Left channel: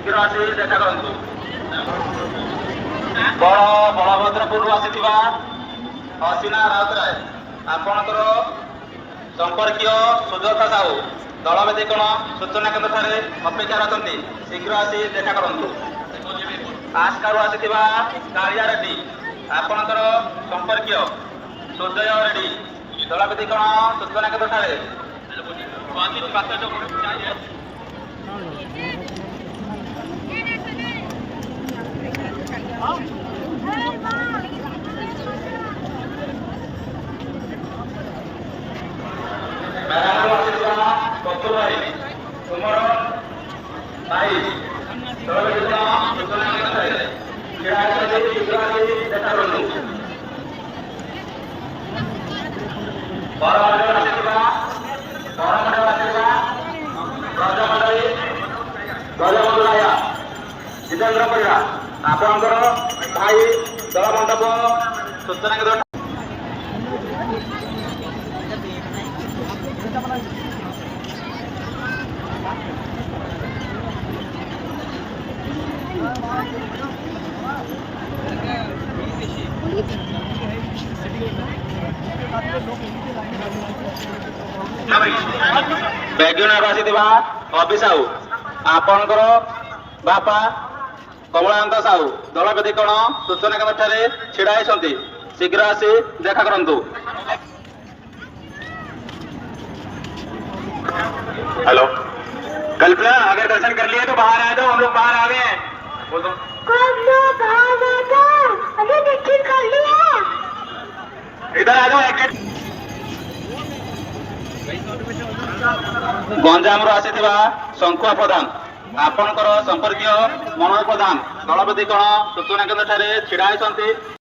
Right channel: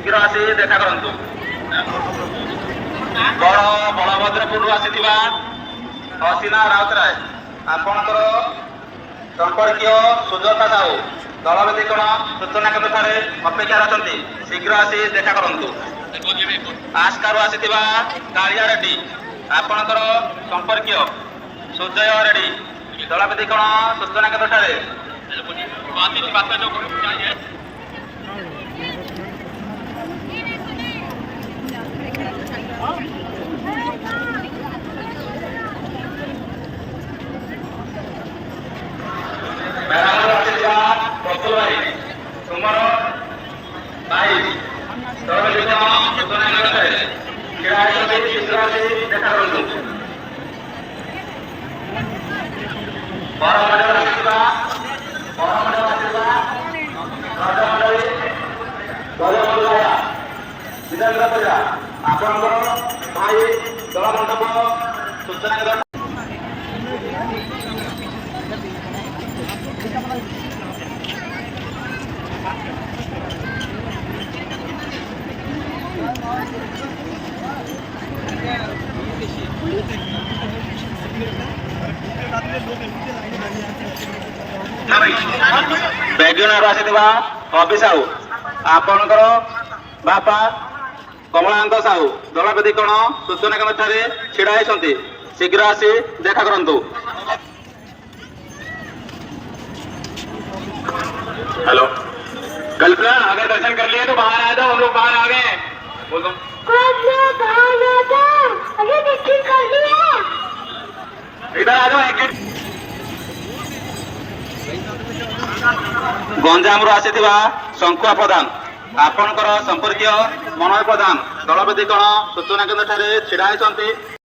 शीघ्र आसी देखा करंतु बलभद्रपुर आसीथिबा हसीना राउतराय आपणकर संपर्कीय सुदर्शा साहू दलवेदीकरण सूचना केन्द्र ठारे अपेक्षा रचंती शीघ्र आसी देखा करंतु आस्कारू आसीथिबा कालिया रेड्डी आपणकर संपर्कीय सुजय रेड्डी दलवेदीकरण सूचना केन्द्र ठारे प्रफुल भाई तुमर भाई देखा जितेन्द्र परिया आपणकर भाई दल मंडप सूचना बेग्यूनर आसीथिबा अभी साहू आपणकर बापा कमलाकांत साहू दलवेदीकरण सूचना केन्द्र ठारे छिड़ा होती शीघ्र आसी देखा करंतु। हेलो कल्पना अगर दर्शन कर लिए तो बाहर आ जाओ, हम लोग बाहर आ गए। बोल दो इधर आ जाओ। गंजाम आसीथिबा शंकुआ प्रधान आपणकर संपर्कीय मनोज प्रधान दलवेदीकरण सूचना केन्द्र ठारे छिड़ा होती